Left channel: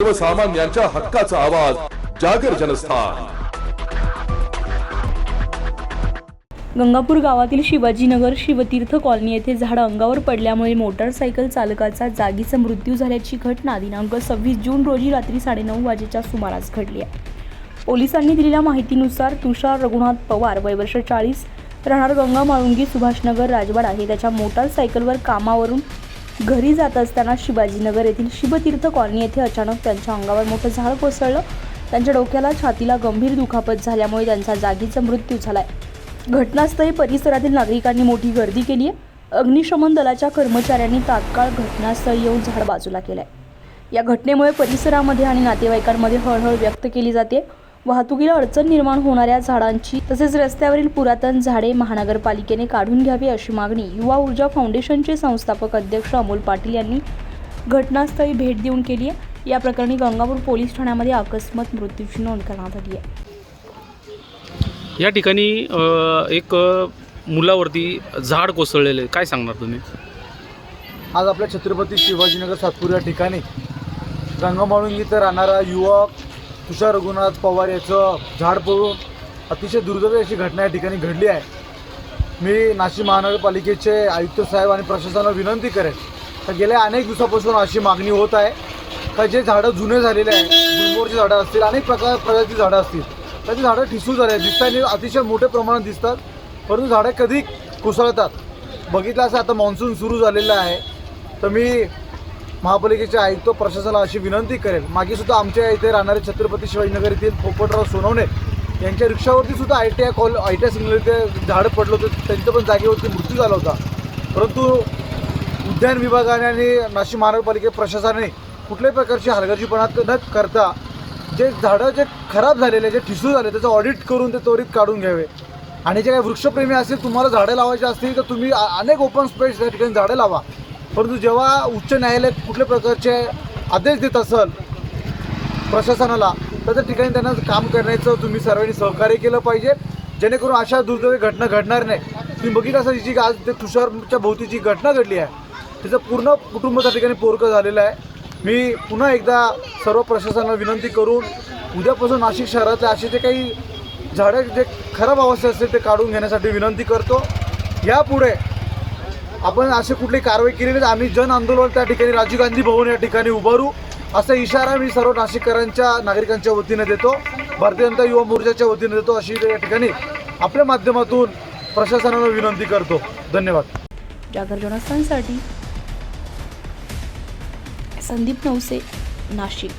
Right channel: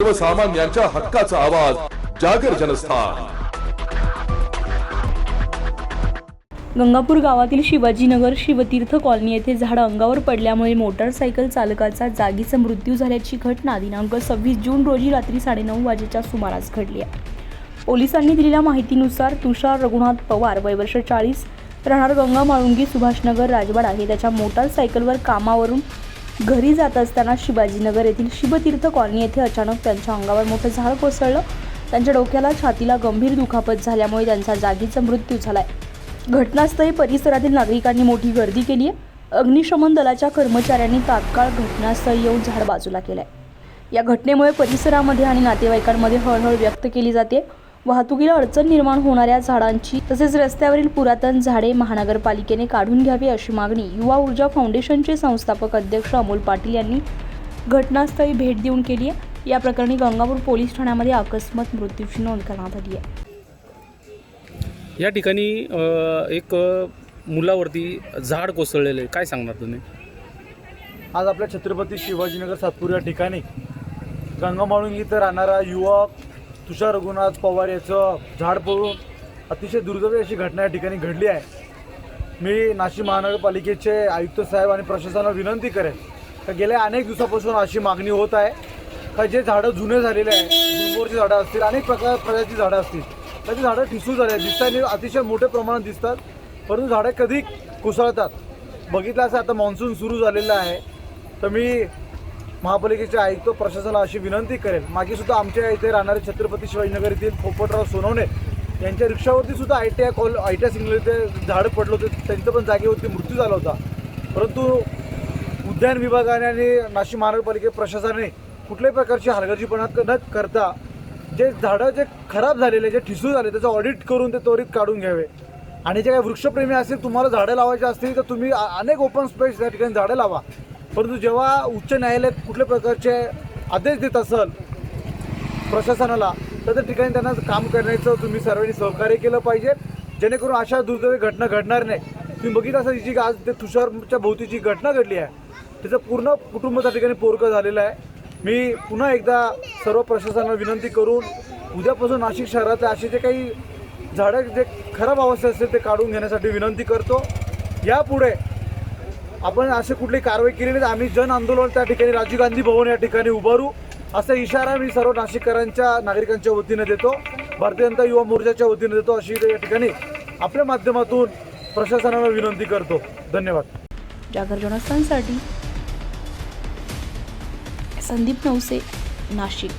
सर्वसामान्यांच्या हक्काचा आवाज जागर जनस्थान। गंगापूर गावातील शिवाजीनगर शिवतीर्थ कॉलनी येथे झाड अंगावर पडल्यामुळे मोटारसायकल चालकाचा जागीच मृत्यू झाल्याची घटना दिनांक 26 जून रोजी रात्री 9:30 वाजेच्या सुमारास घडली आहे। पोलिसांनी दिलेल्या माहितीनुसार तुषार रघुनाथ पवार वय वर्ष 40 राहणार गंगा माळुंगी सुभाषनगर राजवाडा हे त्याच्या मोटारसायकलवर कामावरून घरी जात असताना शिवाजीनगर येथील शिवतीर्थ कॉलनी येथे अचानक त्यांच्या अंगावर मोठं झाड कोसळलं। त्यांच्या डोक्याला छातीला गंभीर दुखापत झाल्यामुळे त्यांचा जागीच मृत्यू झालाय। घटनास्थळी परिसरातील नागरिकांनी मोठी गर्दी केली आहे। अग्निशमन दलाच्या कर्मचाऱ्यांनी तात्काळ घटनास्थळी येऊन झाड बाजूला केलंय। या घटनेमुळे परिसरामध्ये आणि नातेवाईकांमध्ये हळहळ व्यक्त केली जाते। वाहतुकीला अडचण निर्माण होणाऱ्या झाडांची तसेच रस्त्यावरील पुरातन झाडे महानगरपालिकेने काढून घ्यावी अशी मागणी युवा ऊर्जा फाउंडेशनचे संस्थापक अध्यक्ष अमोल पाटील यांनी घटनास्थळी भेट देऊन केली आहे। या प्रकरणी गंगापूर पोलीस ठाण्यामध्ये अकस्मात मृत्यूची नोंद करण्यात आली आहे। या ठिकाणी एक मुलावरती झाड कोसळलेले, काय सांगणार तुम्ही? आज आपल्या छत्रपती शिवाजीनगर सातपूर या ठिकाणी गंगामाळुंगी इथं राहणारा युवक तुषार रघुनाथ पवार याचं झाड पडून अतिशय दुर्दैवी अशी घटना या ठिकाणी घडली आहे। मी नाशिक महानगरपालिकेचे आयुक्त साहेब आणि प्रशासनाला विनंती करेन तर गेल्या अनेक दिवसापासून अशी मागणी होत आहे का जे झाडं जुने झालेले आहे, गुलमोहरची झाडं असतील, अनेक प्रकारची झाडं असतील, त्याची झाडं ठिसूळ झाले दिसतात, अतिशय मोठ्या प्रमाणात दिसतात, परंतु झाडं कधी कोसळतात। बघितलं असं आता मान्सून सुरू झालेलं आहे तर मी महापालिकेचे आयुक्त प्रशासनाला अशी विनंती करेन, मागे सुद्धा आमच्या इथे राहणारे छत्रपती शिवाजीनगर येथील पोपटराव सोनवणे यांच्या रिक्षावरती सुद्धा आयटीआय सिग्नल इथे झाडं पडलं होतं, त्यांचं पण जागेवरती मृत्यू झाला होता। परंतु उद्यान विभागाने आणि नाशिक महानगरपालिका प्रशासनाने कुठल्याही प्रकारची हलगर्जीपणा न करता जे झाडं जे खराब झालेले, जे ठिसूळ झाले त्याचं ऑडिट करून ते त्वरित काढून घ्यावे। आणि जे काही वृक्षप्रेमी असतील, तुम्हाला झाडं लावायची असतील तर तुम्ही अनेक ओपन स्पेस या ठिकाणी झाडं लावा। परंतु जेव्हा उच्च न्यायालय कुठल्या प्रकारचे आदेश देत असेल प्रशासनाला तर त्या ठिकाणी त्यांना काम करण्याचं तुम्ही सर्वांनी सहकार्य केलं पाहिजे, जेणेकरून अशा दुर्दैवी घटना घडणार नाही। तुम्ही बघितलं असं जी आज ते तुषारच्या भोवती जी घटना घडली आहे तिचं पूर्ण कुटुंब त्या ठिकाणी पोरकं झालेलं आहे। मी पुन्हा एकदा सर्व प्रशासनाला विनंती करून उद्यापासून नाशिक शहरातले असे जे काही झाडं जे खराब अवस्था असतील ते काढून घेण्यासाठी विनंती करतो। यापुढे आपण अशी कुठली कारवाई केली नाही, आम्ही जन आंदोलन त्या ठिकाणी राजीव गांधी भवन या ठिकाणी उभारू असा इशारा मी सर्व नाशिककरांच्या नागरिकांच्या वतीने देतो, भारतीय जनता युवा मोर्चाच्या वतीने देतो, अशी या ठिकाणी आपल्या माध्यमातून प्रशासनाला विनंती करतो। धन्यवाद। जागर जनस्थानसाठी संदीप नवसे, नाशिक।